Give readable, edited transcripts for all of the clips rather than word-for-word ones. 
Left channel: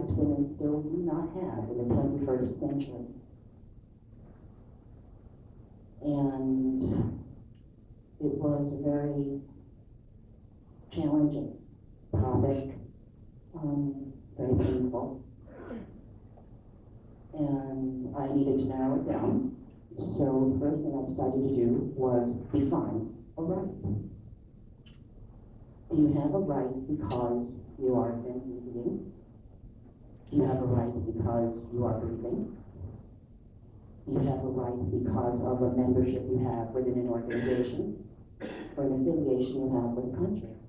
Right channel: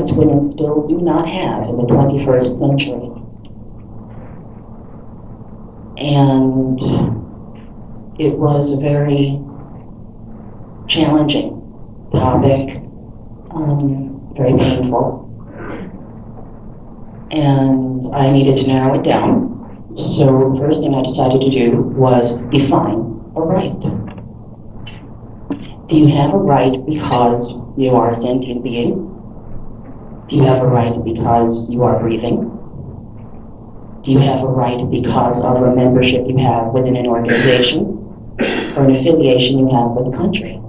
rights women still do not have in the 21st century. And it was a very challenging topic, very painful. And I needed to narrow it down. So the first thing I decided to do was define a right. Do you have a right because you are a sentient being? Do you have a right because you are breathing? Do you have a right because of a membership you have within an organization or an affiliation you have with a country?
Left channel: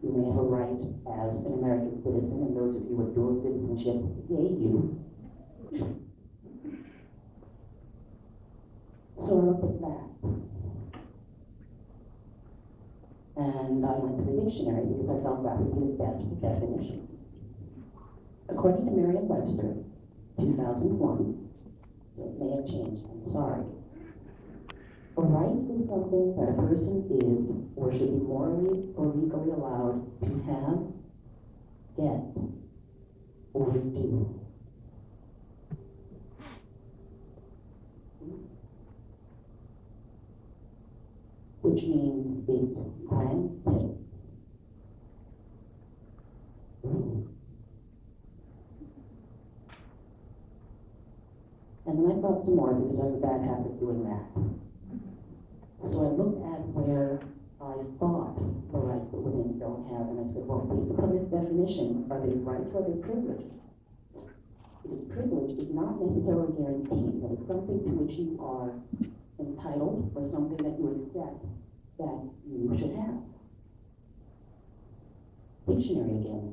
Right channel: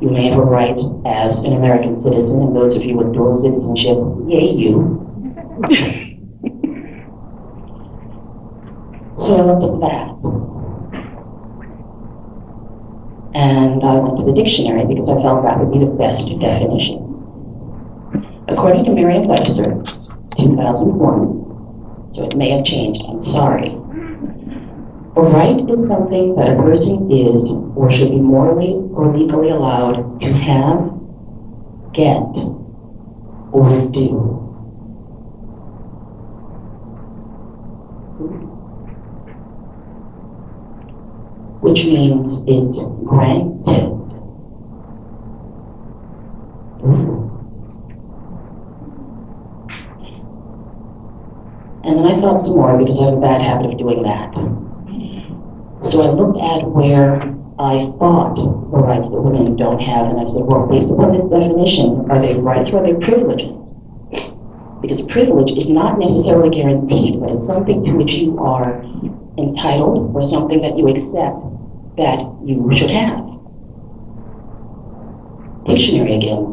You may have a right as an American citizen, and those of you with dual citizenship, yay you. So I looked at that. And I went to the dictionary because I felt that would be the best definition. According to Merriam-Webster, 2001, so it may have changed, I'm sorry. A right is something that a person is or should be morally or legally allowed to have, get, or do. Which means it's granted. And then I thought some more because I have a bad habit of doing that. So I looked at where I thought the rights that women don't have, and I said, well, based upon this definition, are they rights or are they privileges? Because a privilege is not necessarily guaranteed, but it's something to which you are entitled or something that you accept that you should have. Dictionary again.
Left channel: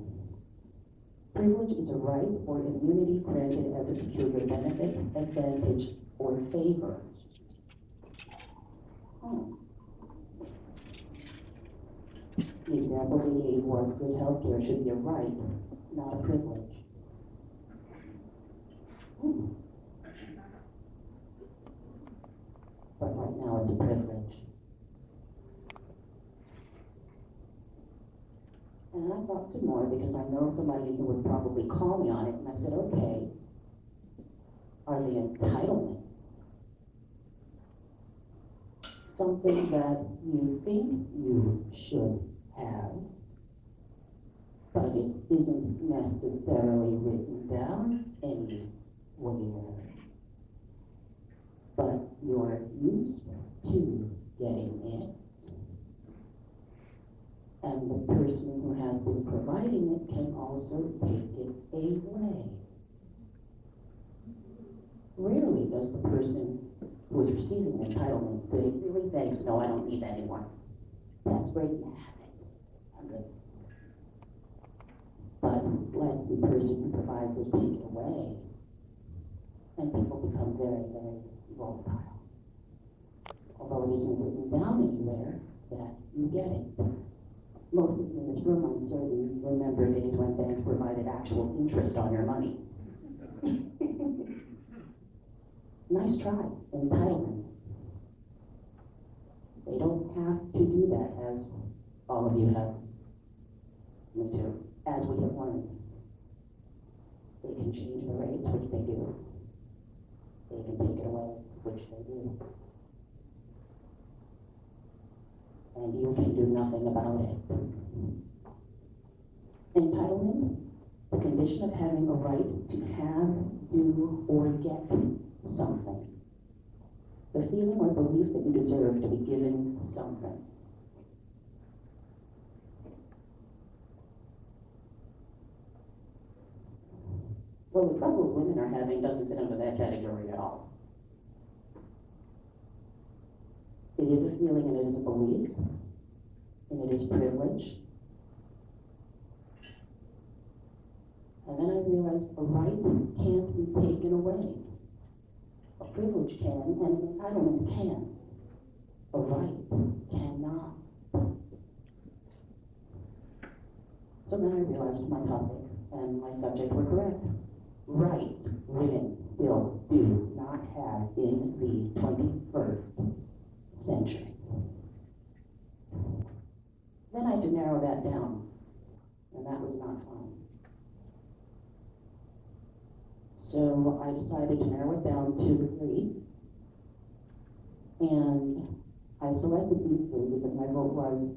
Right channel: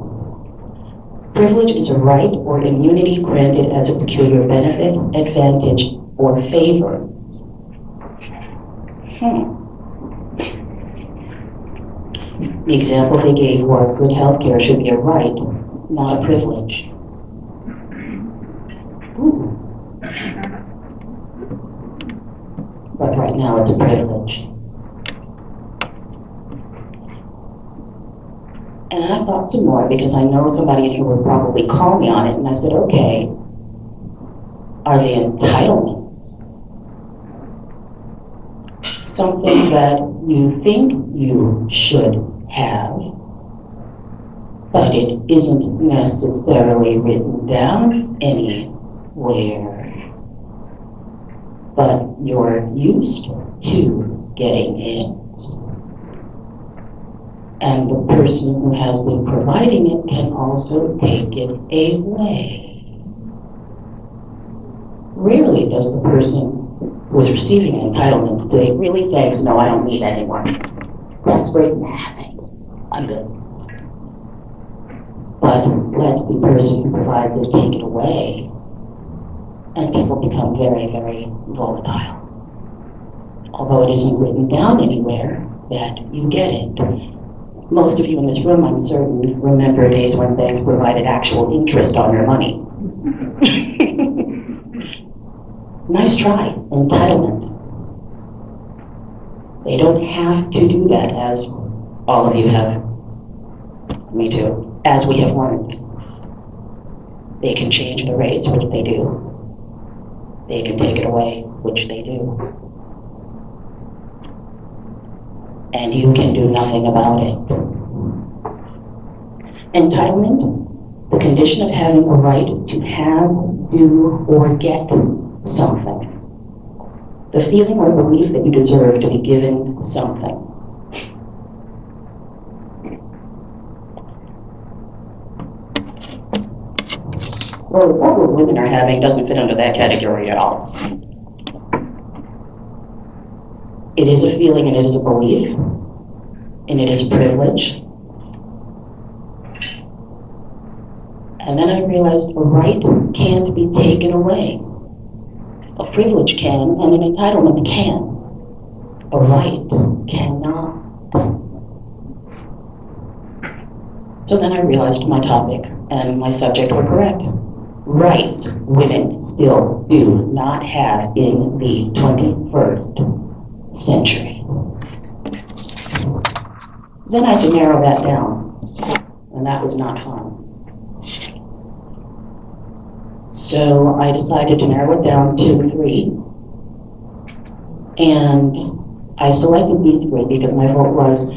Privilege is a right or immunity granted as a peculiar benefit, advantage, or favor. The example they gave was good health care should be a right, not a privilege. Ooh. But right now it's a privilege. And I thought some more because I know somebody in here would probably call me on it, and I said, okay, are they entitlements? Something that you think you should have, but it isn't necessarily written down anywhere, but you're used to getting it. And the person who has been providing it can also take it away. Rarely does the person who is receiving an entitlement say, really, thanks, no, I don't need anymore. That's great, nah, thanks, I'm good. But let the person who provides it take it away, and people become very, very volatile. Although it isn't written down anywhere that you get it. Most of you in this room, I'm certain, remember days when banks provided actual interest on your money. Nice try, entitlement. They don't have to do that, as all of you have, me too, as we have learned. They can change the rates, which they do. They can take it away, which they do. And you can do nothing about it. Entitlement, the condition of having a right to have, do, or get something. The feeling or belief that you deserve to be given something. Well, the problem women are having doesn't fit under that category at all. It is a feeling and it is a belief, and it is a privilege. And then I realized a right can't be taken away. A privilege can, and an entitlement can. A right cannot. So then I realized my topic and my subject were correct. Rights women still do not have in the 21st century. Then I had to narrow that down, and that was not fun. So I decided to narrow it down to 3. And I selected these 3 because my vote was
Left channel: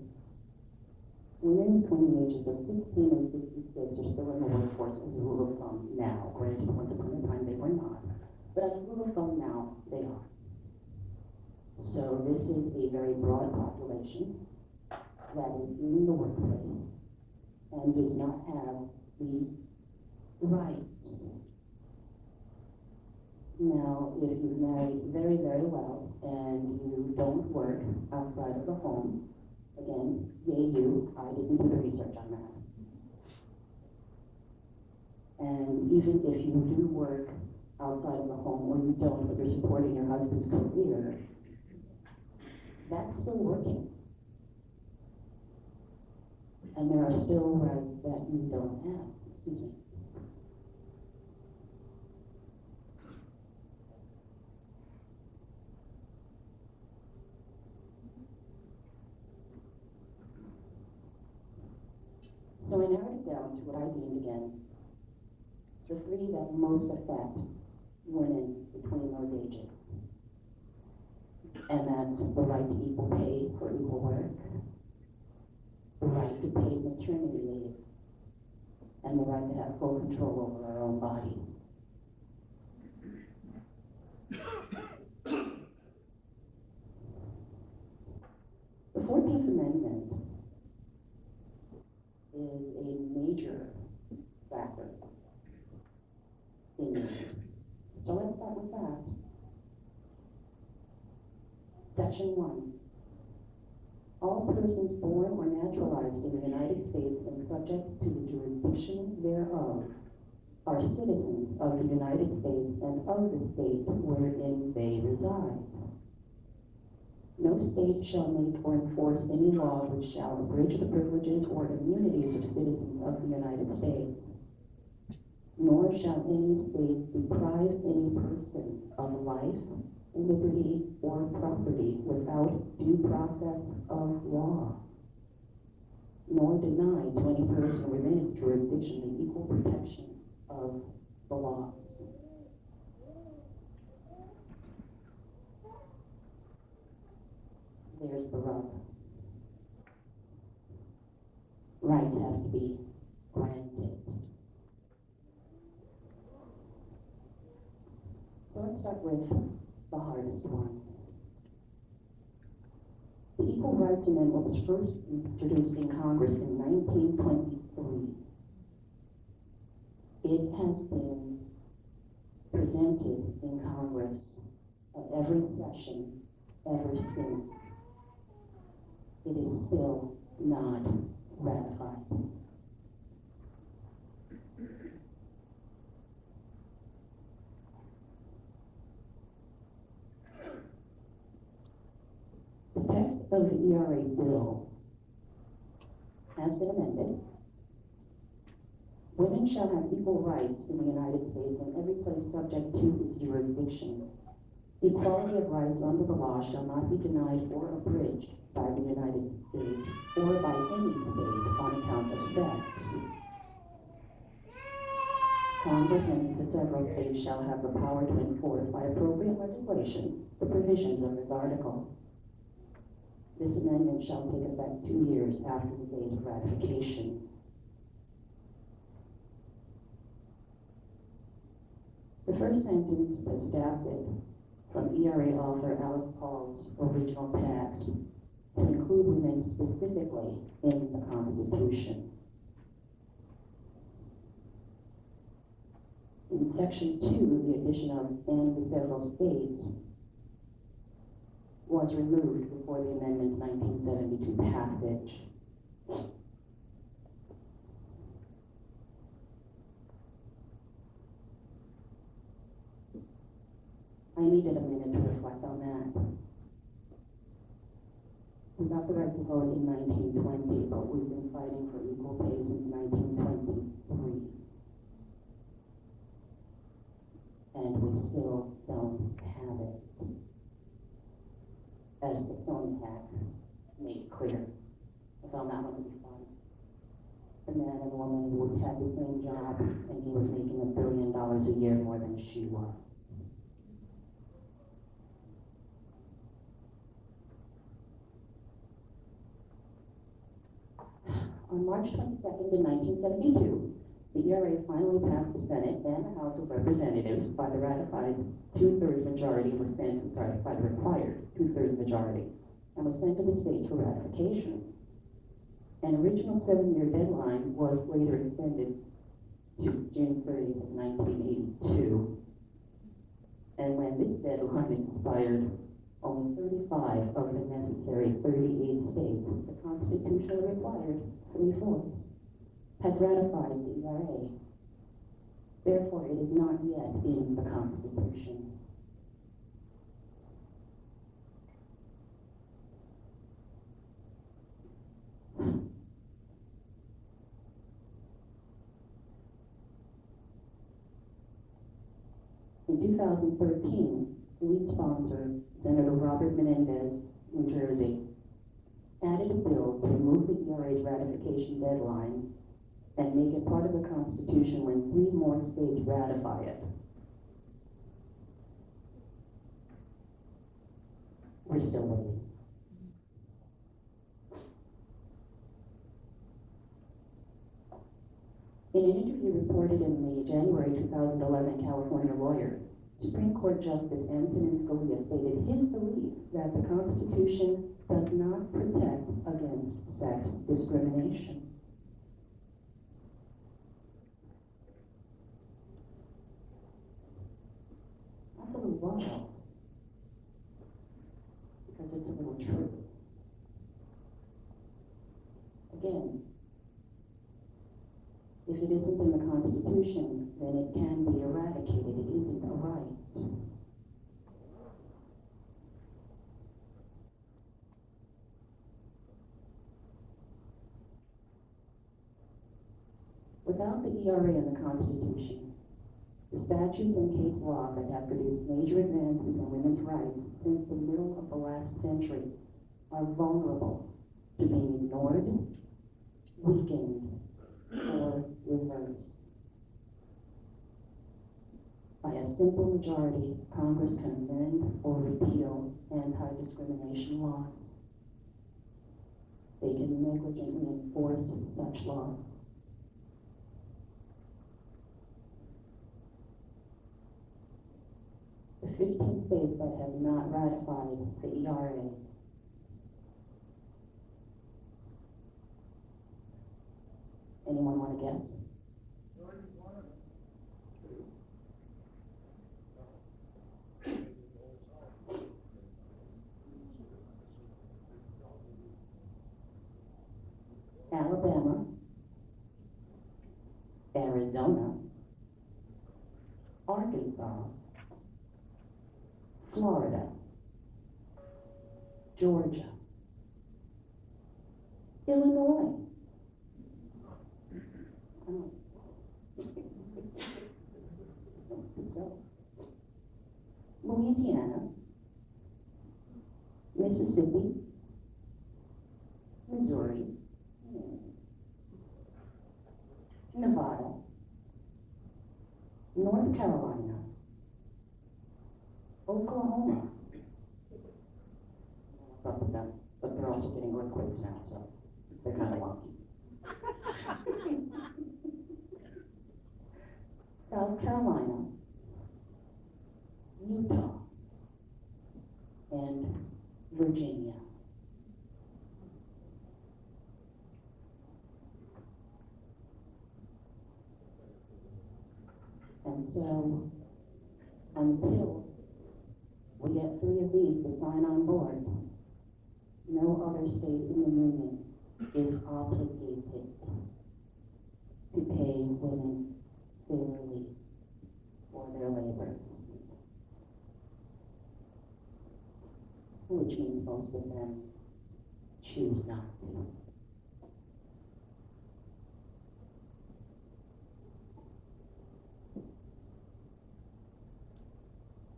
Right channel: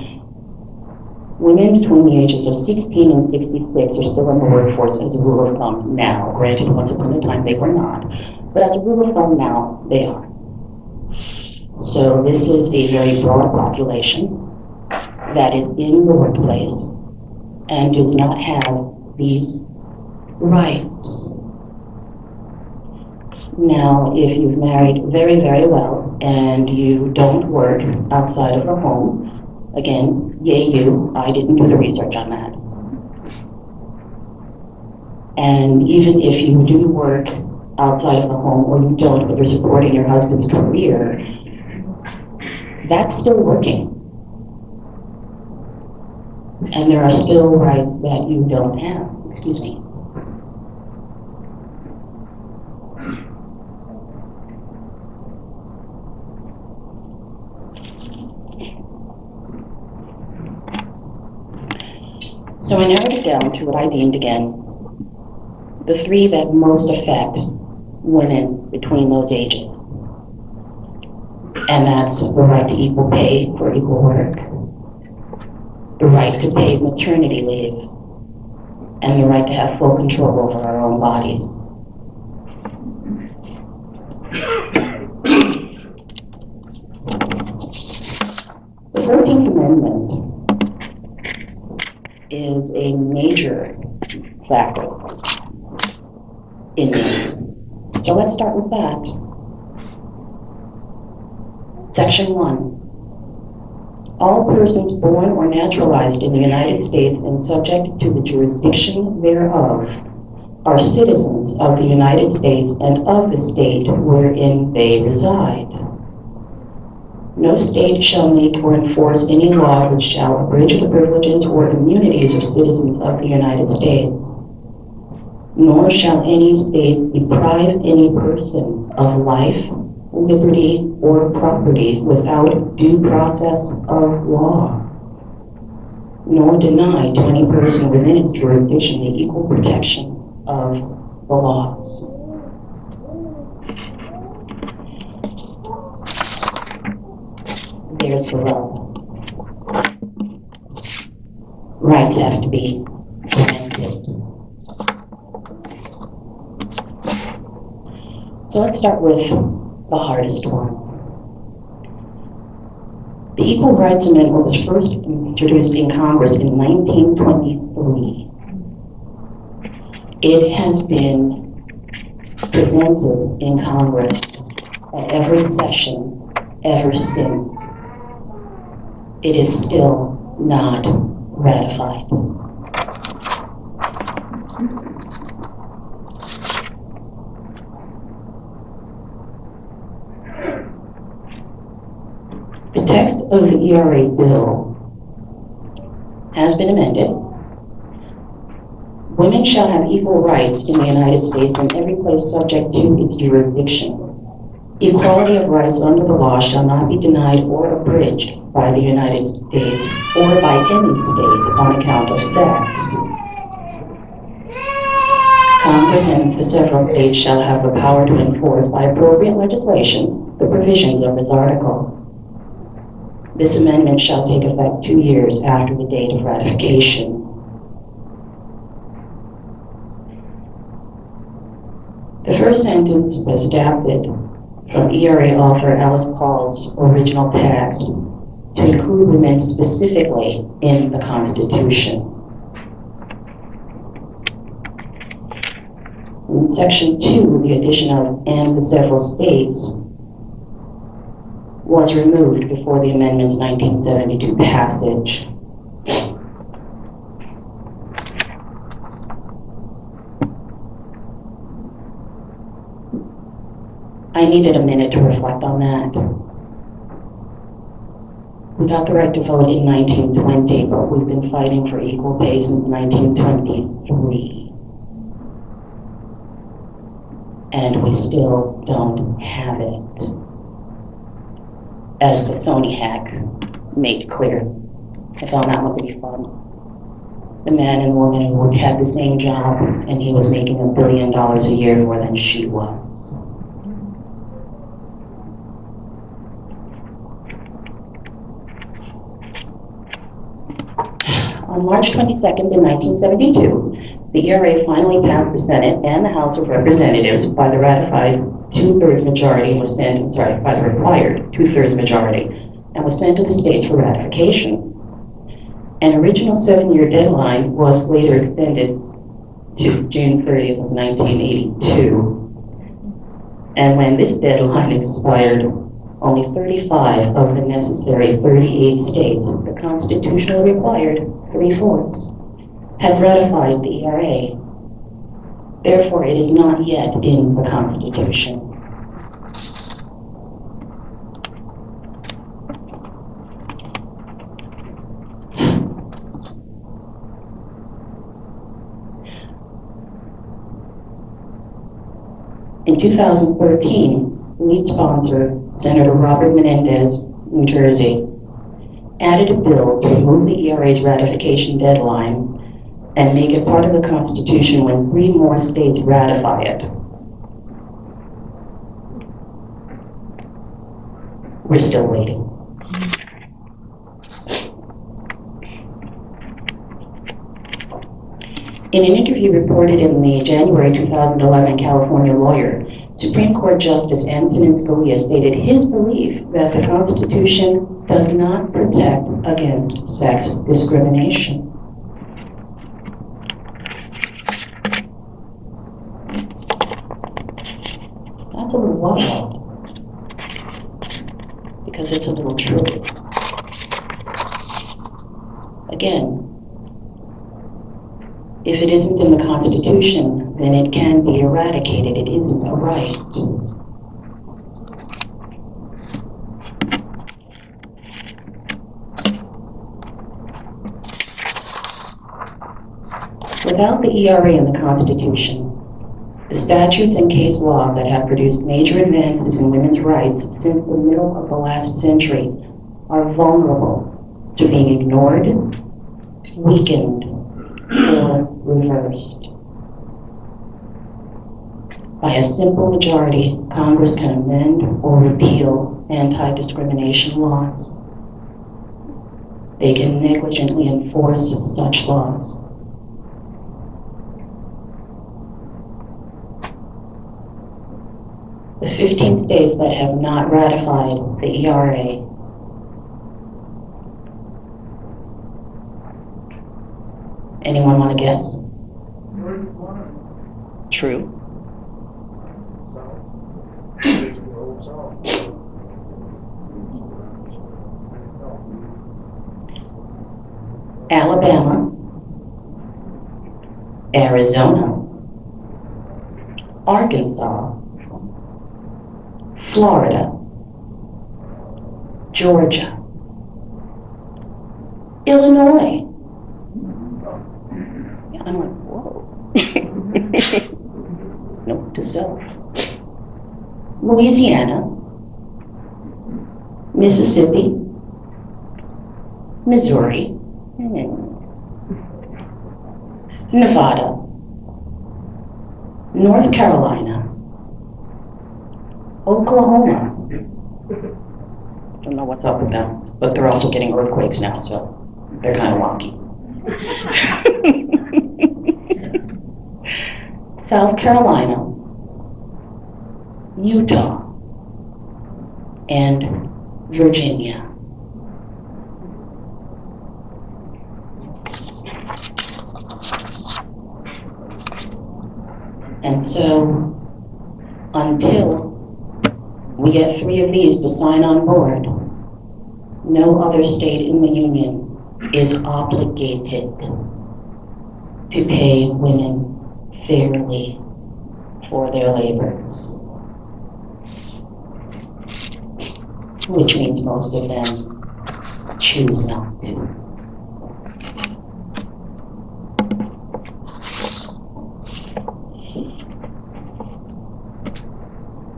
women between the ages of 16 and 66 are still in the workforce as a rule of thumb now. Granted, once upon a time they were not. But as a rule of thumb now, they are. So this is a very broad population that is in the workplace and does not have these rights. Now, if you've married very, very well and you don't work outside of the home, again, yay you, I didn't do the research on that. And even if you do work outside of the home or you don't, but you're supporting your husband's career, that's still working. And there are still rights that you don't have. Excuse me. So I narrowed it down to what I deemed, again, the 3 that most affect women between those ages. And that's the right to equal pay for equal work, the right to paid maternity leave, and the right to have full control over our own bodies. The 14th Amendment is a major factor in this. So let's start with that. Section 1. All persons born or naturalized in the United States and subject to the jurisdiction thereof are citizens of the United States and of the state wherein they reside. No state shall make or enforce any law which shall abridge the privileges or immunities of citizens of the United States, nor shall any state deprive any person of life, liberty, or property without due process of law, nor deny to any person within its jurisdiction the equal protection of the laws. There's the rub. Rights have to be granted. So let's start with the hardest one. The Equal Rights Amendment was first introduced in Congress in 1923. It has been presented in Congress at every session ever since. It is still not ratified. The text of the ERA bill has been amended. Women shall have equal rights in the United States in every place subject to its jurisdiction. Equality of rights under the law shall not be denied or abridged by the United States or by any state on account of sex. Congress and the several states shall have the power to enforce by appropriate legislation the provisions of this article. This amendment shall take effect 2 years after the date of ratification. The first sentence was adapted from ERA author Alice Paul's original text to include women specifically in the Constitution. In Section 2, the addition of "and the several states" was removed before the amendment's 1972 passage. I needed a minute to reflect on that. We got the right to vote in 1920, but we've been fighting for equal pay since 1923. And we still don't have it, as the Sony hack made clear. I found that one to be fun. the man and woman who had the same job, and he was making $1 billion a year more than she was. On March 22nd, in 1972, the ERA finally passed the Senate and the House of Representatives by the ratified two-thirds majority and was sent, by the required two-thirds majority, and was sent to the states for ratification. An original 7-year deadline was later extended to June 30th of 1982. And when this deadline expired, only 35 of the necessary 38 states, the constitutionally required 3/4, had ratified the ERA. Therefore, it is not yet in the Constitution. In 2013, lead sponsor, Senator Robert Menendez, New Jersey, added a bill to remove the ERA's ratification deadline and make it part of the Constitution when 3 more states ratify it. We're still waiting. In an interview reported in the January 2011 California Lawyer, Supreme Court Justice Antonin Scalia stated his belief that the Constitution does not protect against sex discrimination. That's a little wild, because it's a little true. Again, if it isn't in the Constitution, then it can be eradicated. It isn't a right. Without the ERA in the Constitution, the statutes and case law that have produced major advances in women's rights since the middle of the last century are vulnerable to being ignored, weakened, or reversed. By a simple majority, Congress can amend or repeal anti-discrimination laws. They can negligently enforce such laws. The 15 states that have not ratified the ERA anyone want to guess? True. Alabama, Arizona, Arkansas, Florida, Georgia, Illinois. I'm like, whoa. Note to self. Louisiana, Mississippi, Missouri, Nevada, North Carolina, Oklahoma. Don't know what's up with them, but they're also getting earthquakes now, so they're kind of wonky. South Carolina, Utah, and Virginia. And so, until we get 3 of these to sign on board, no other state in the Union is obligated to pay women fairly for their labors, which means most of them choose not to.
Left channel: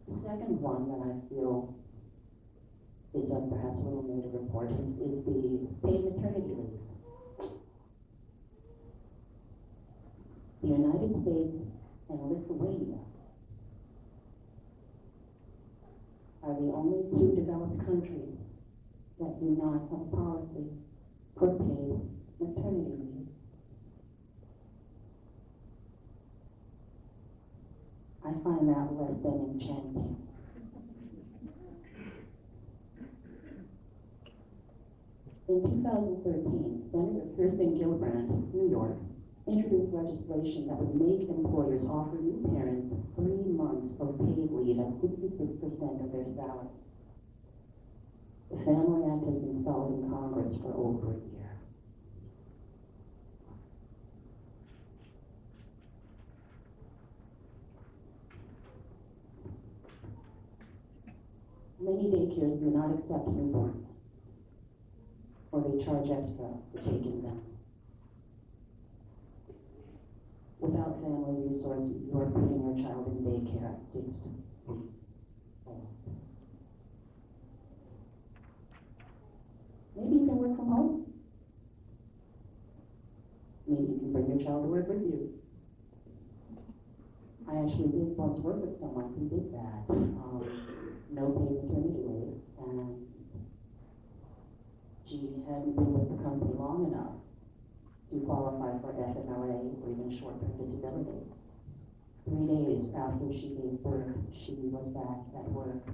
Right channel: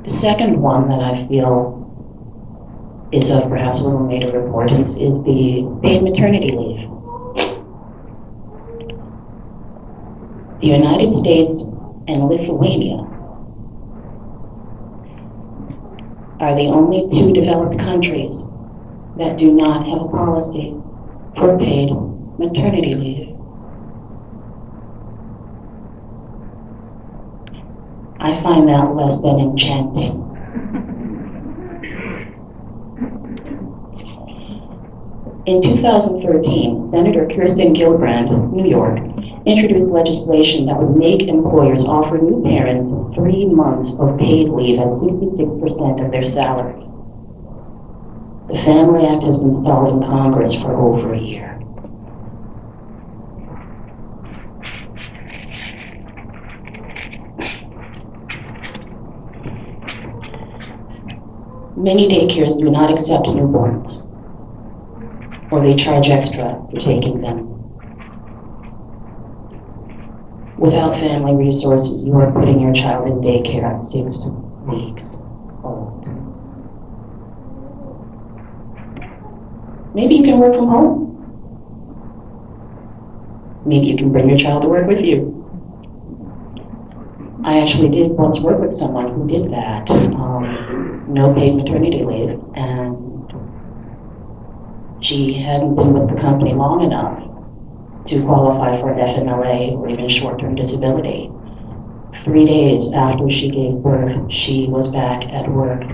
The second one that I feel is of perhaps a little greater importance is the paid maternity leave. The United States and Lithuania are the only two developed countries that do not have a policy for paid maternity leave. I find that less than enchanting. In 2013, Senator Kirsten Gillibrand, New York, introduced legislation that would make employers offer new parents 3 months of paid leave at 66% of their salary. The Family Act has been stalled in Congress for over a year. Many daycares do not accept newborns, or they charge extra for taking them. Without family resources, you are putting your child in daycare at 6 weeks old. Maybe you can work from home. Maybe you can bring your child to work with you. I actually did once work with someone who did that. No paid maternity leave, and she hadn't been with the company long enough to qualify for an FMLA or even short-term disability. 3 days after she gave birth, she was back at work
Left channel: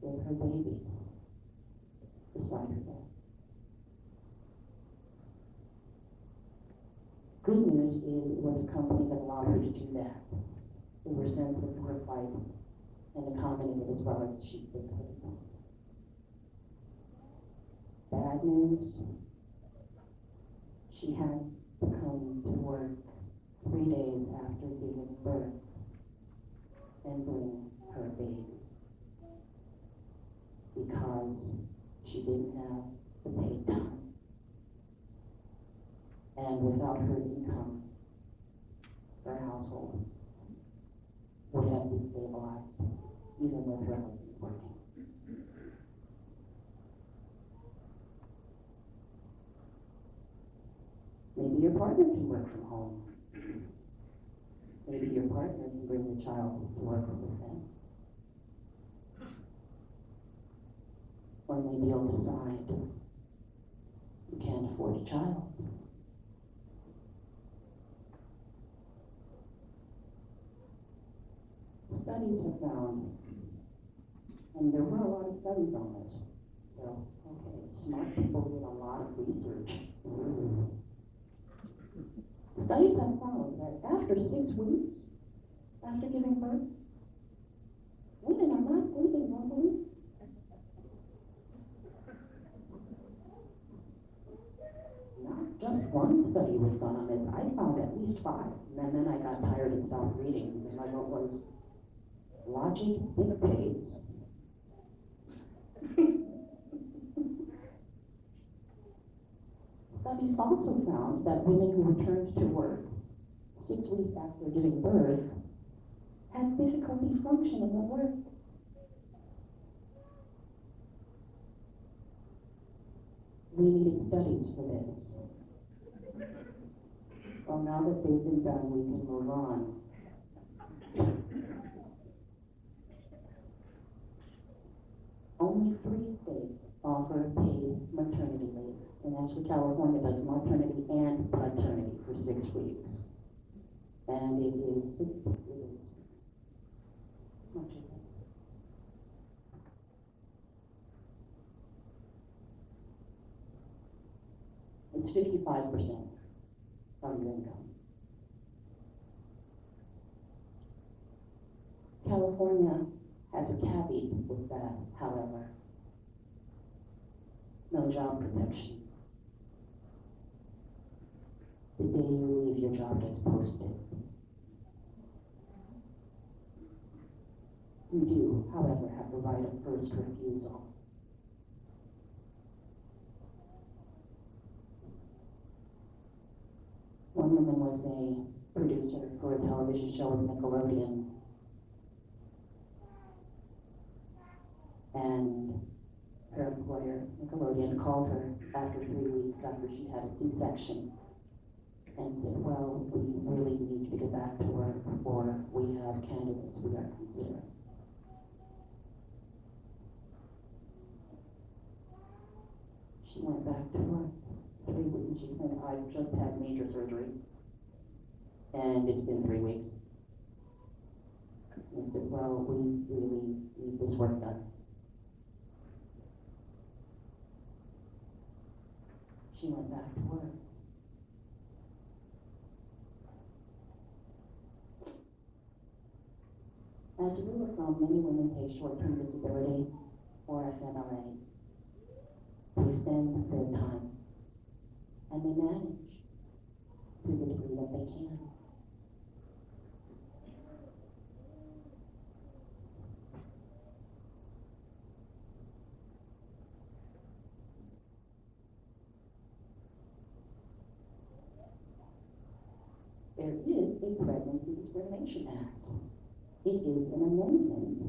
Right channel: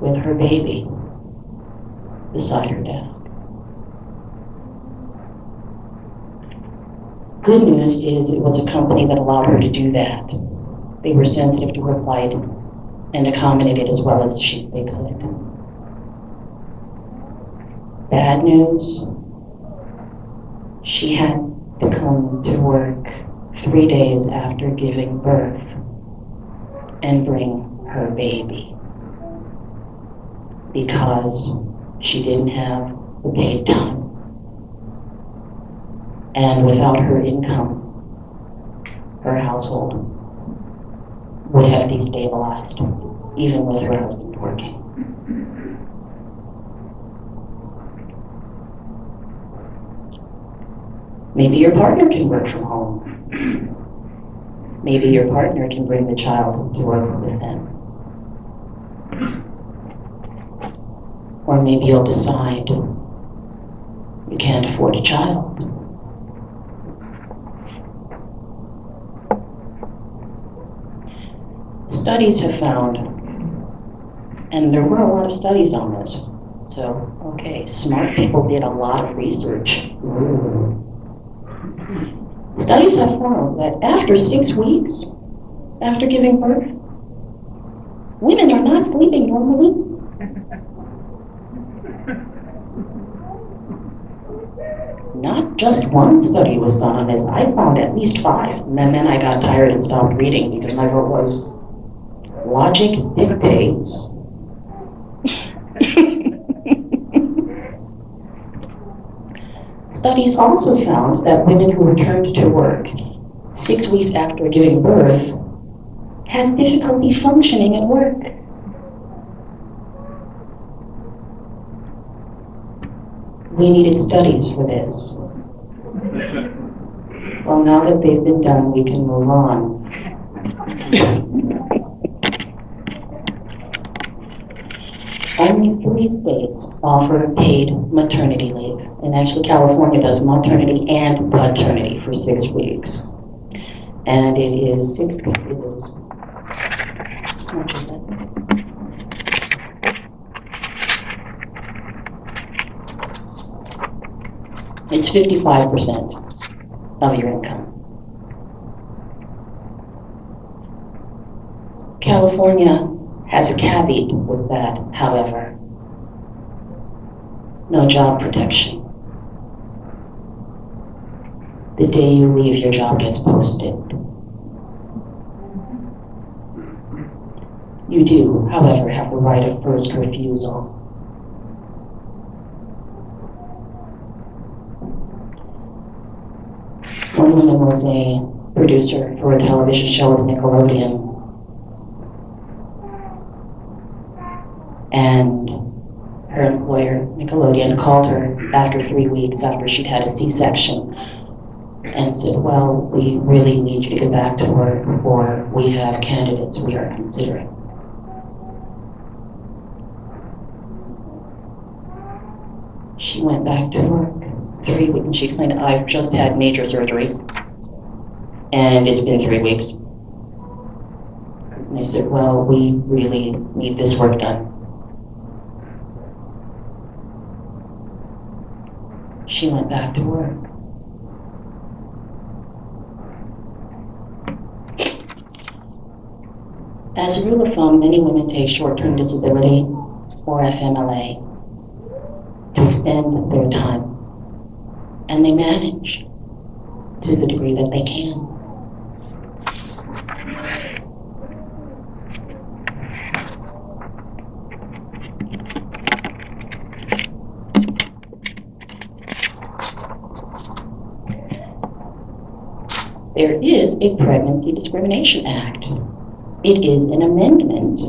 with her baby beside her desk. Good news is it was a company that allowed her to do that. They were sensitive to her plight and accommodated as well as they could. Bad news, she had to come to work 3 days after giving birth and bring her baby because she didn't have the paid time. And without her income, her household would have destabilized, even with her husband working. Maybe your partner can work from home. Maybe your partner can bring the child to work with them. Or maybe you'll decide you can't afford a child. Studies have found, and there were a lot of studies on this, so, okay, smart people did a lot of research. Studies have found that after 6 weeks, after giving birth, women are not sleeping normally. Not just one study was done on this. I found at least 5, and then I got tired and stopped reading because my vote was, logic dictates. Studies also found that women who returned to work 6 weeks after giving birth had difficulty functioning at work. We needed studies for this. Well, now that they've been done, we can move on. Only 3 states offer paid maternity leave, and actually California does maternity and paternity for 6 weeks. And it is how much is that? It's 55% of your income. California has a caveat with that, however. No job protection. The day you leave, your job gets posted. You do, however, have the right of first refusal. One woman was a producer for a television show with Nickelodeon. And her employer, Nickelodeon, called her after 3 weeks after she'd had a C-section and said, well, we really need you to get back to work, or we have candidates we are considering. She went back to work 3 weeks, and she explained, I've just had major surgery, and it's been 3 weeks. And I said, well, we really need this work done. She went back to work. As a rule of thumb, many women take short-term disability, or FMLA, to extend their time. And they manage to the degree that they can. There is a Pregnancy Discrimination Act. It is an amendment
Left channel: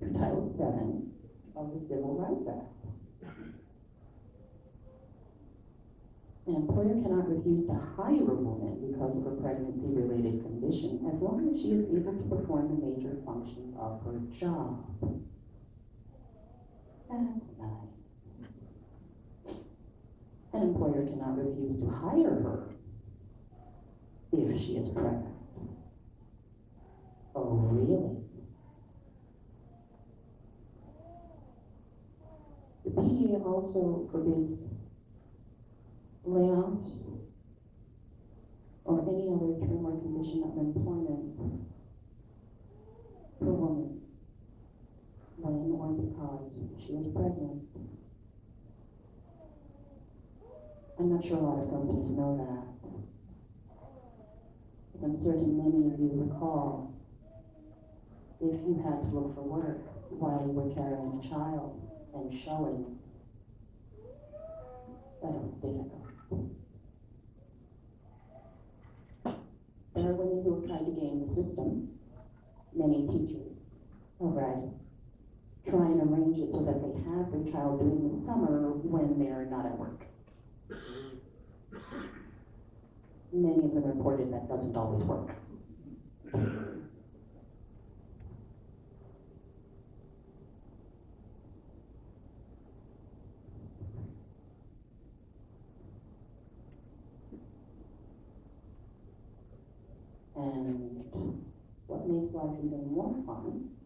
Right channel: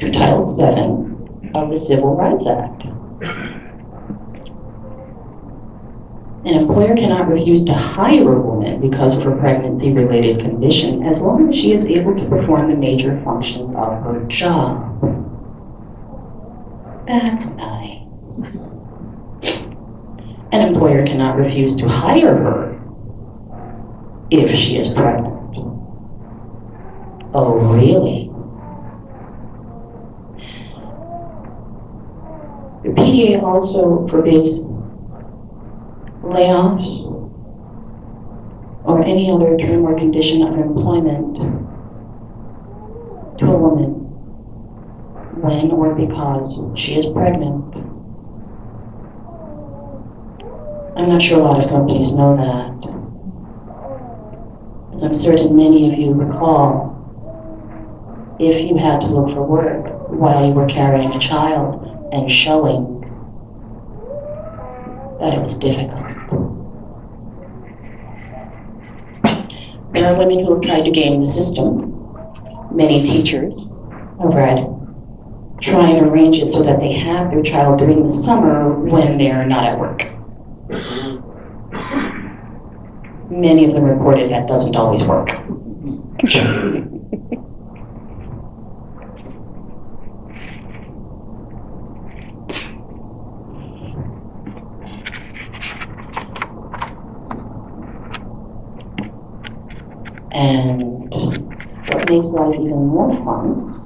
to Title VII of the Civil Rights Act. An employer cannot refuse to hire a woman because of her pregnancy-related condition as long as she is able to perform the major functions of her job. That's nice. An employer cannot refuse to hire her if she is pregnant. Oh, really? The PDA also forbids layoffs or any other term or condition of employment to a woman when or because she is pregnant. I'm not sure a lot of companies know that, as I'm certain many of you recall, if you had to look for work while you were carrying a child and showing that it was difficult. There are women who have tried to game the system. Many teachers, I've read, try and arrange it so that they have their child during the summer when they're not at work. Many of them reported that doesn't always work. And what makes life even more fun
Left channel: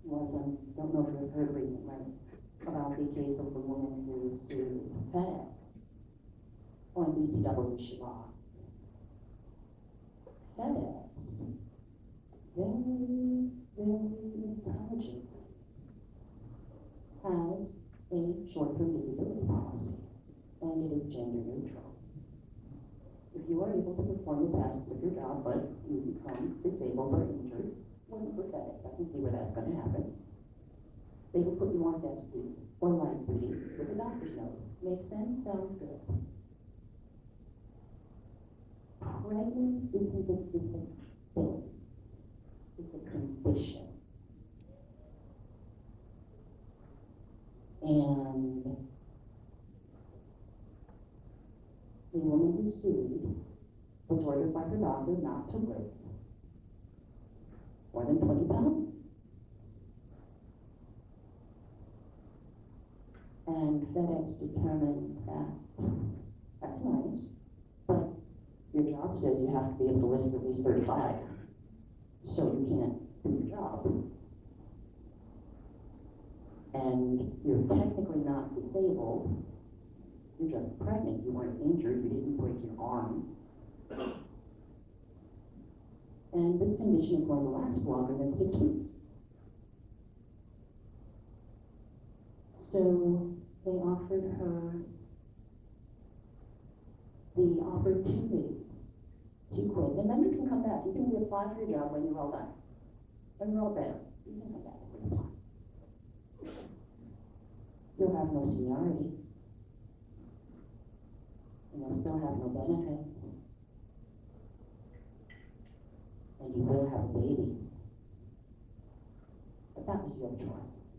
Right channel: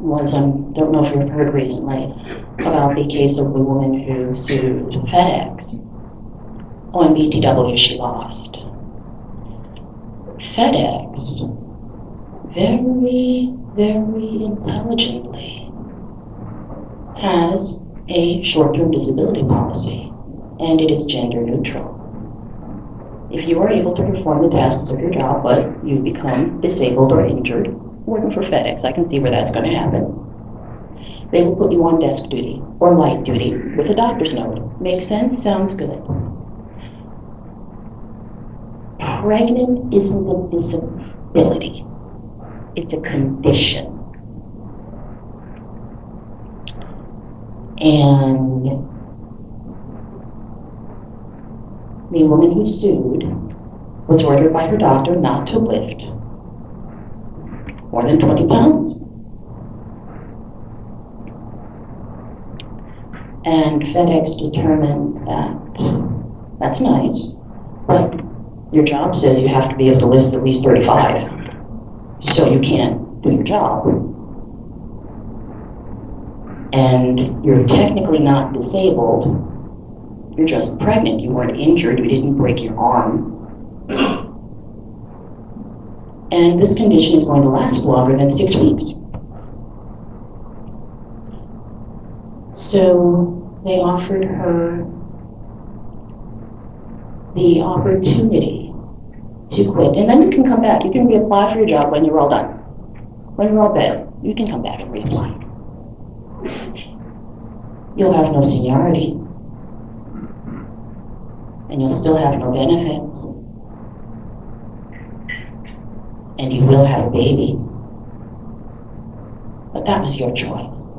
was, don't know if you've heard recently about the case of the woman who sued FedEx. Oh, and BTW she lost. FedEx, very, very intelligently, has a short-term disability policy, and it is gender neutral. If you are able to perform the tasks of your job, but you become disabled or injured, working for FedEx, I can see where that's going to happen. They will put you on desk duty or light duty with a doctor's note. Makes sense? Sounds good. Pregnant isn't a disability. It's a condition. And the woman who sued was ordered by her doctor not to lift more than 20 pounds. And FedEx determined that that's nice, but your job says you have to be able to lift at least 35, so you can't do your job. And you're technically not disabled. You're just pregnant. You weren't injured. You didn't break your arm. And this condition is going to last longer than 6 weeks. So they offered her the opportunity to quit. And then you can come back. You can reapply for your job when you're all done. When you're all better, you can come back and reapply. You'll have no seniority. And you'll still have no benefits. And you will have a baby. But that was your choice.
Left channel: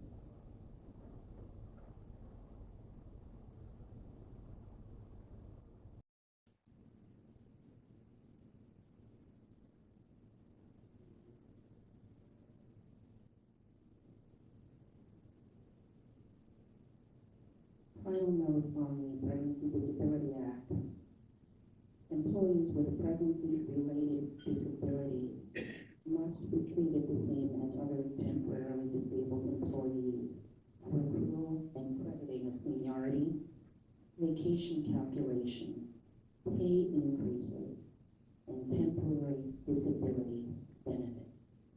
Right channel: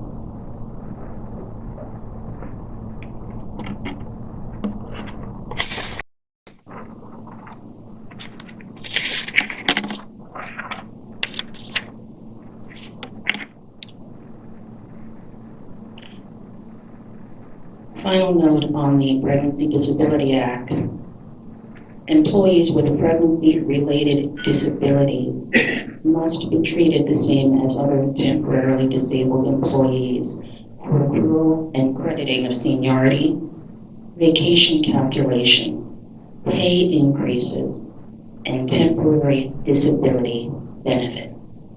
Final note on the Pregnancy Disability Act. Employees with pregnancy-related disabilities must be treated the same as other temporarily disabled employees for accrual and crediting of seniority, vacation calculation, pay increases, and temporary disability benefits.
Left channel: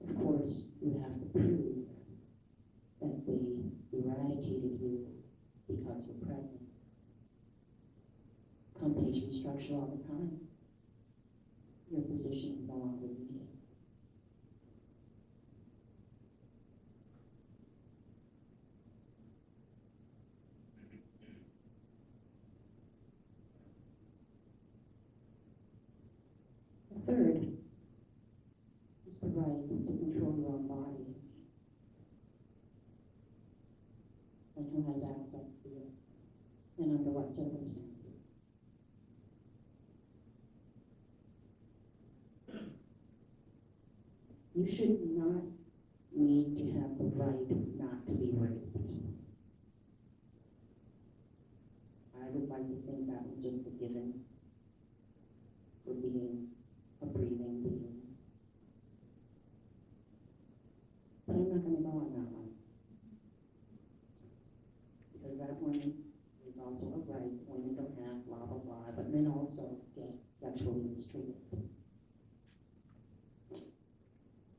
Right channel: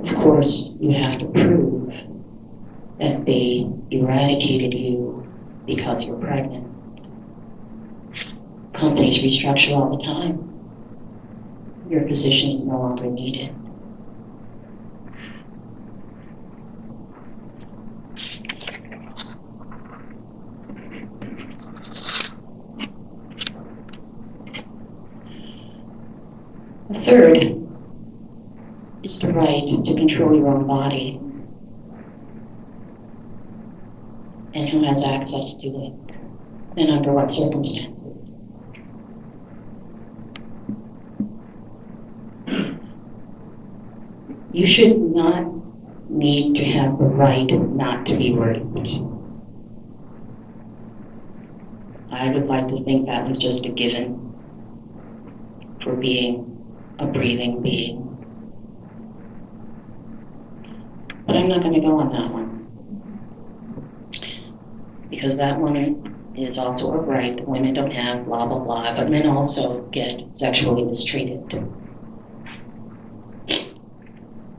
Of course, you have to prove that they eradicated you because you're pregnant. Companies restructure all the time. Your position is no longer needed. The third is the right to control your own body and who has access to it and under what circumstances. You should not need to have the right not to be raped. I would like to think that was just a given for being a breathing being. But I'm not going to go on that one. Because that one is also a right that women don't have, blah, blah, blah, but men also get sexually mistreated.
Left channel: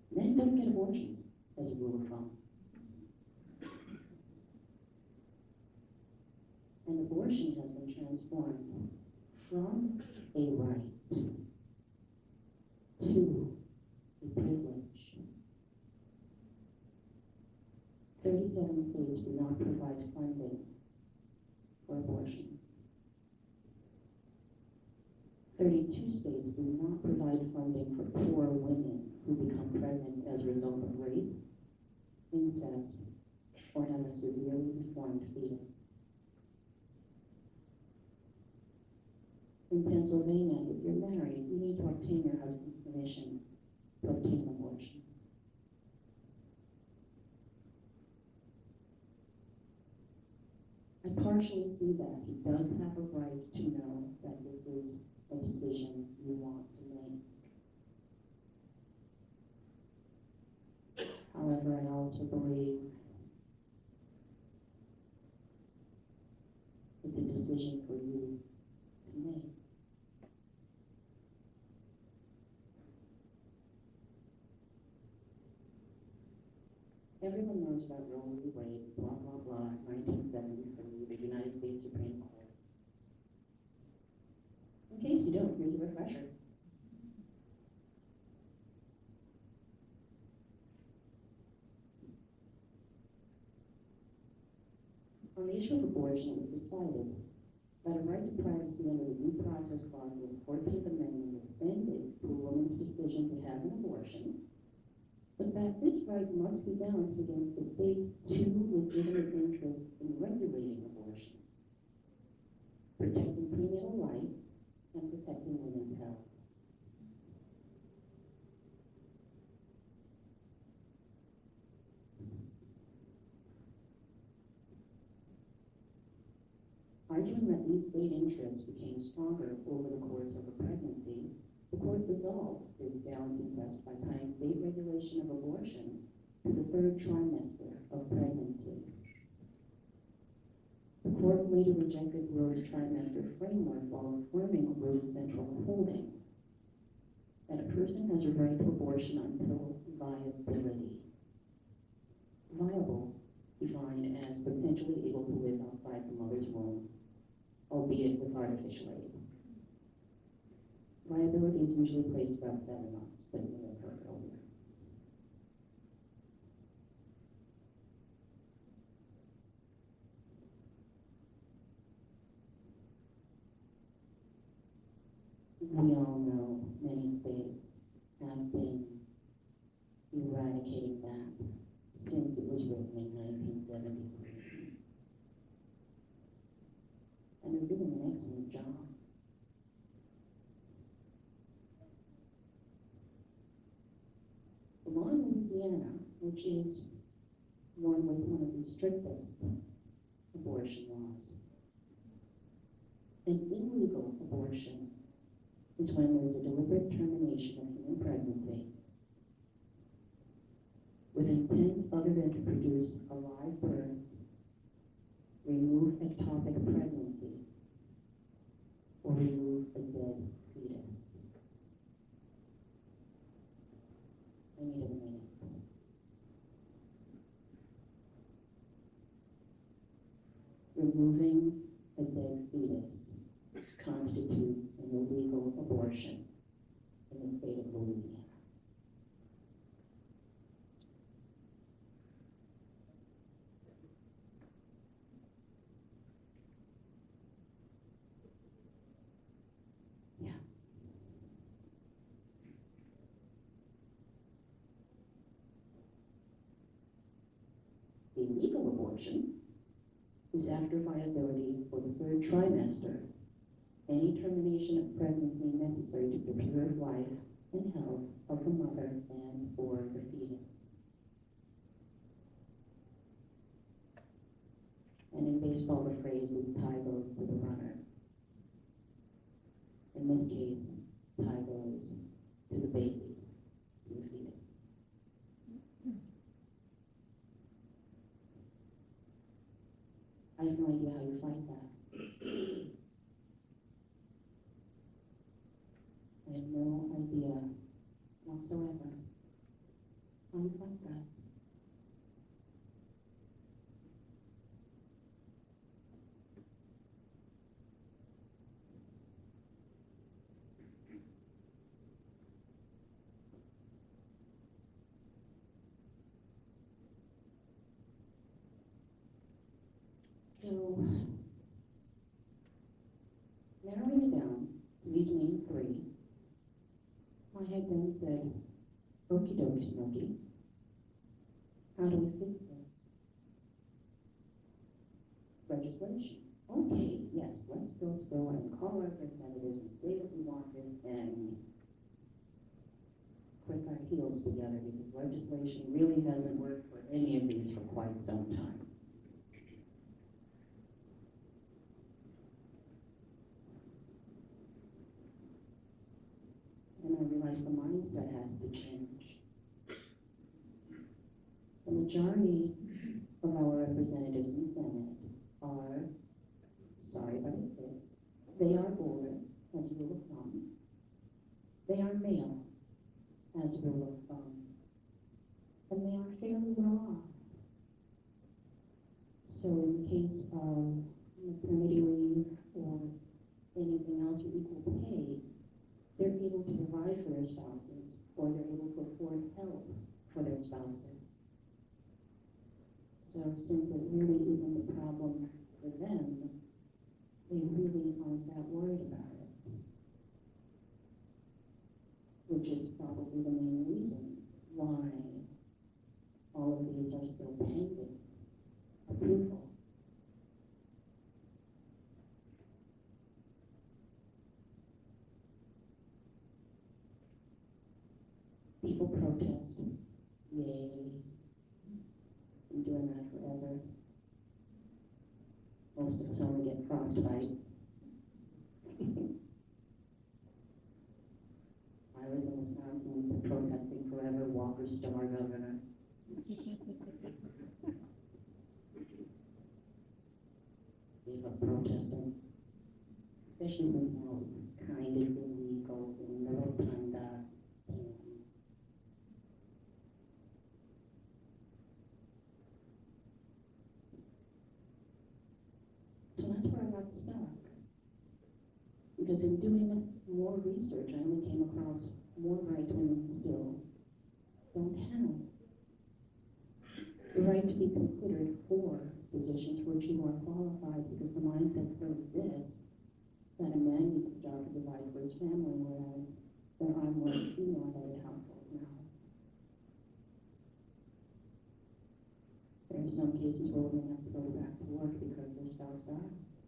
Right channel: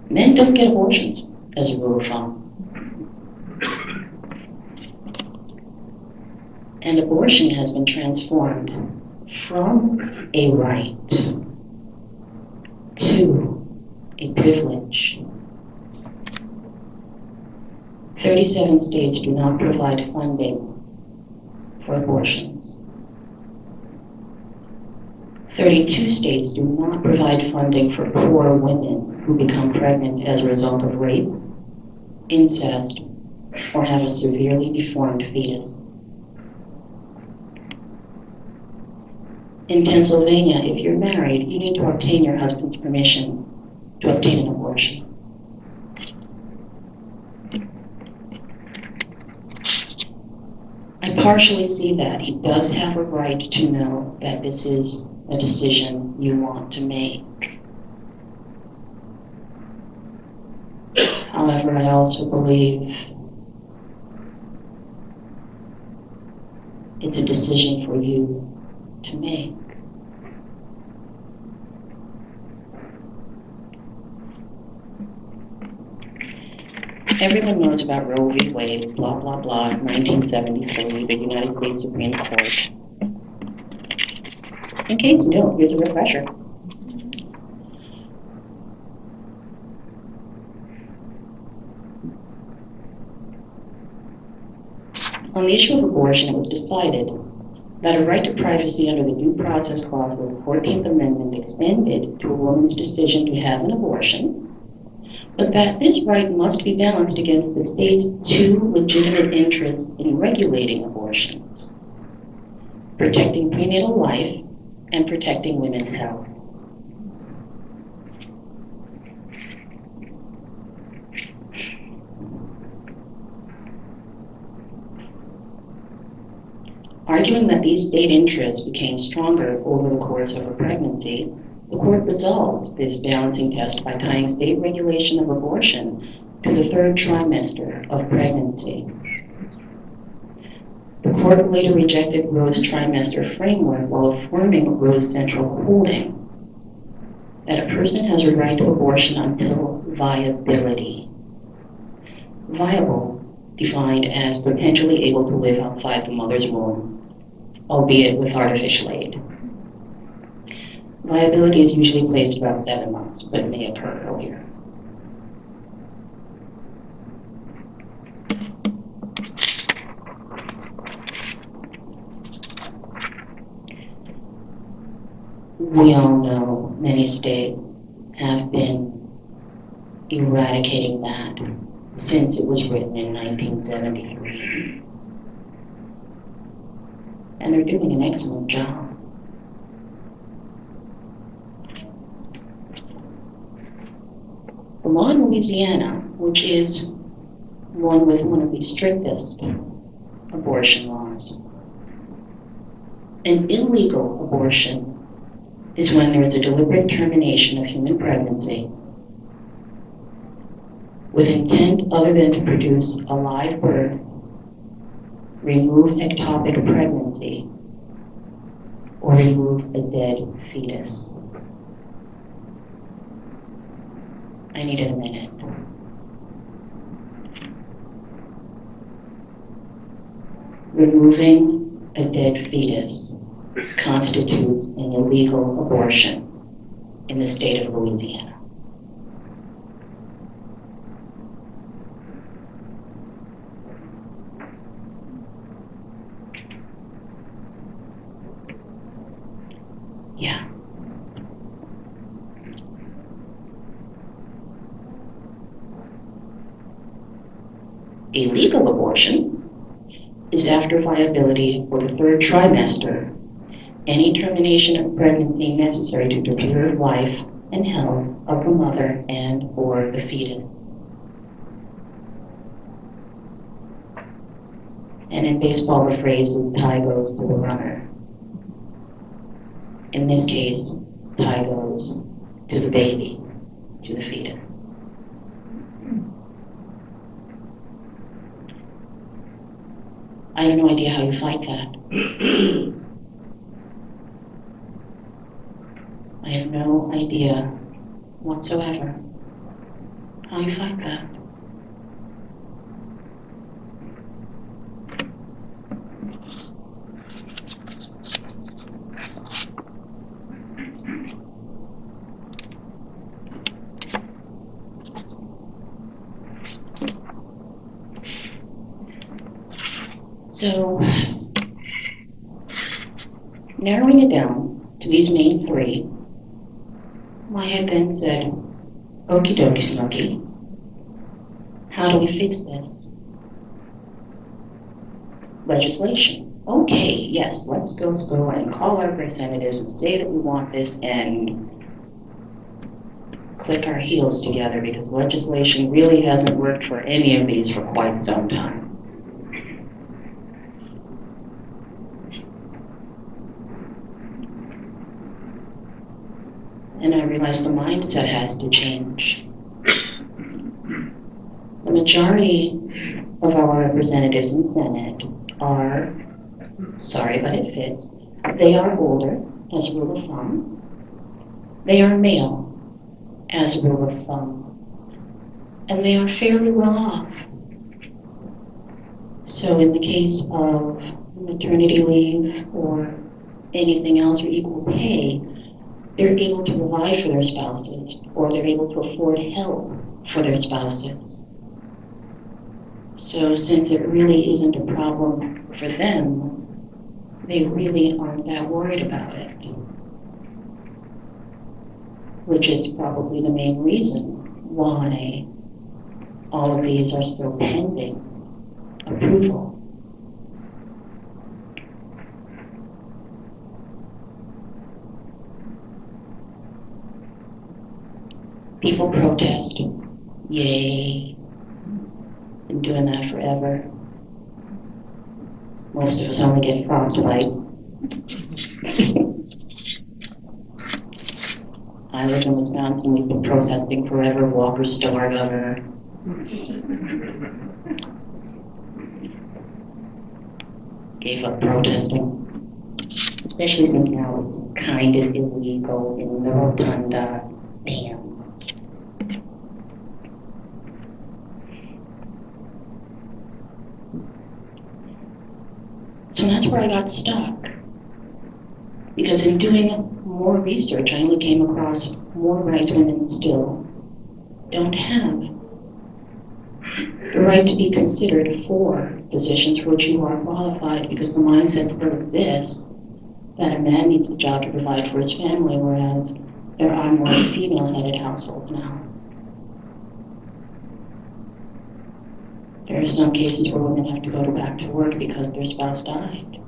Men don't get abortions, as a rule of thumb. And abortion has been transformed from a right to a privilege. 37 states do not provide funding for abortions. 32 states do not provide funding for poor women who become pregnant as a result of rape, incest, or have a severely deformed fetus. In Pennsylvania, if you're married, you need to obtain your husband's permission to obtain an abortion. I partially see that. He does have a right to know that this is a decision you want to make. However, I also believe it's a decision for you to make. Everyone knows about Roe v. Wade, blah, blah, blah, 1973, the United States Supreme Court. In case you don't, here's a refresher. On the issue of abortion, it was decided that a right to privacy under the Due Process Clause of the 14th Amendment extended to a woman's decision to have an abortion, but that this right must be balanced against the state's two legitimate interests in regulating abortions: protecting prenatal life and protecting women's health. Arguing that these state interests became stronger over the course of a pregnancy, the court resolved this balancing test by tying state regulation of abortion to the third trimester of pregnancy. The court later rejected Roe's trimester framework while affirming Roe's central holding that a person has a right to abortion until viability. Viable, defined as potentially able to live outside the mother's womb, albeit with artificial aid. Viability is usually placed about 7 months, but may occur earlier. We all know many states have been eradicating that since it was written in 1973. And they're doing an excellent job. The law in Louisiana which is one with one of the strictest abortion laws. An illegal abortion is when there is a deliberate termination of human pregnancy with intent other than to produce a live birth, remove ectopic pregnancy, or remove a dead fetus. I needed a minute. Removing a dead fetus constitutes an illegal abortion in the state of Louisiana. Yeah. A legal abortion is after viability for the third trimester, any termination of pregnancy necessary to preserve life and health of the mother and or the fetus. And in baseball, the phrase is tie goes to the runner. In this case, tie goes to the baby, to the fetus. I have no idea how you fight that. I have no idea whatsoever how you fight that. So, narrowing it down to these main three, my head then said, okie dokie snooky, how do we fix this? Legislation. Okay, yes, let's go and call our representatives and say that we want this and click our heels together because legislation really hasn't worked for any of these for quite some time. And I realized the mindset has to change. The majority of our representatives in Senate are, sorry but it fits, they are older as a rule of thumb. They are male as a rule of thumb. And they are fairly well off. So in the case of maternity leave or anything else or equal pay, they're able to provide for their spouses, or they're able to afford help for their spouses. So since it really isn't a problem for them, they really aren't that worried about it. Which is probably the main reason why all of these are still pending approval. People protest. Yay. Been doing that forever. Most of us only get frostbite. I live in Wisconsin, we've been protesting forever. Walker's still our governor. Gave up protesting. Especially since now it's kind of illegal in the rotunda. Damn. So that's where I got stuck. Because in doing more research, I only came across more rights women still don't have the right to be considered for positions for which you are qualified, because the mindset still exists that a man needs the job to provide for his family, whereas there are more female-headed households now. There are some cases where women have to go back to work because their spouse died.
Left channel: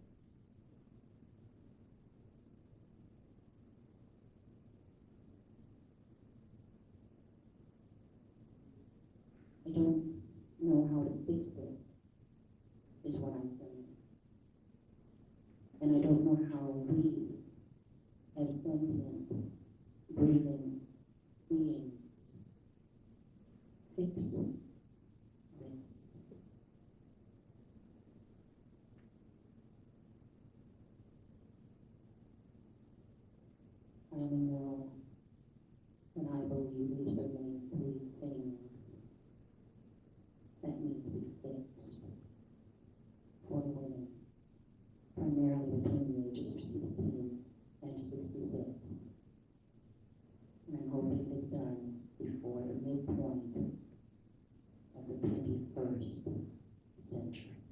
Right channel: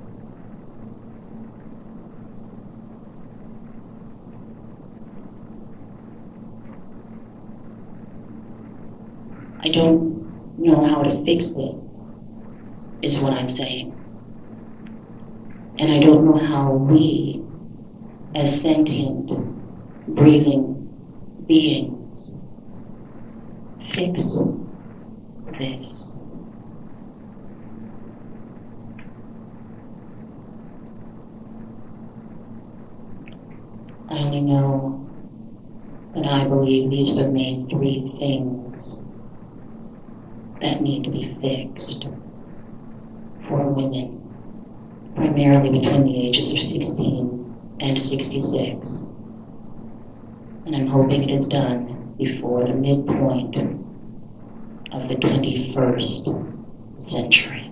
I don't know how to fix this, is what I'm saying. And I don't know how we, as sentient, breathing beings, fix this. I only know that I believe these are the main three things that need to be fixed for women, primarily between the ages of 16 and 66. And I'm hoping it is done before the midpoint of the 21st century.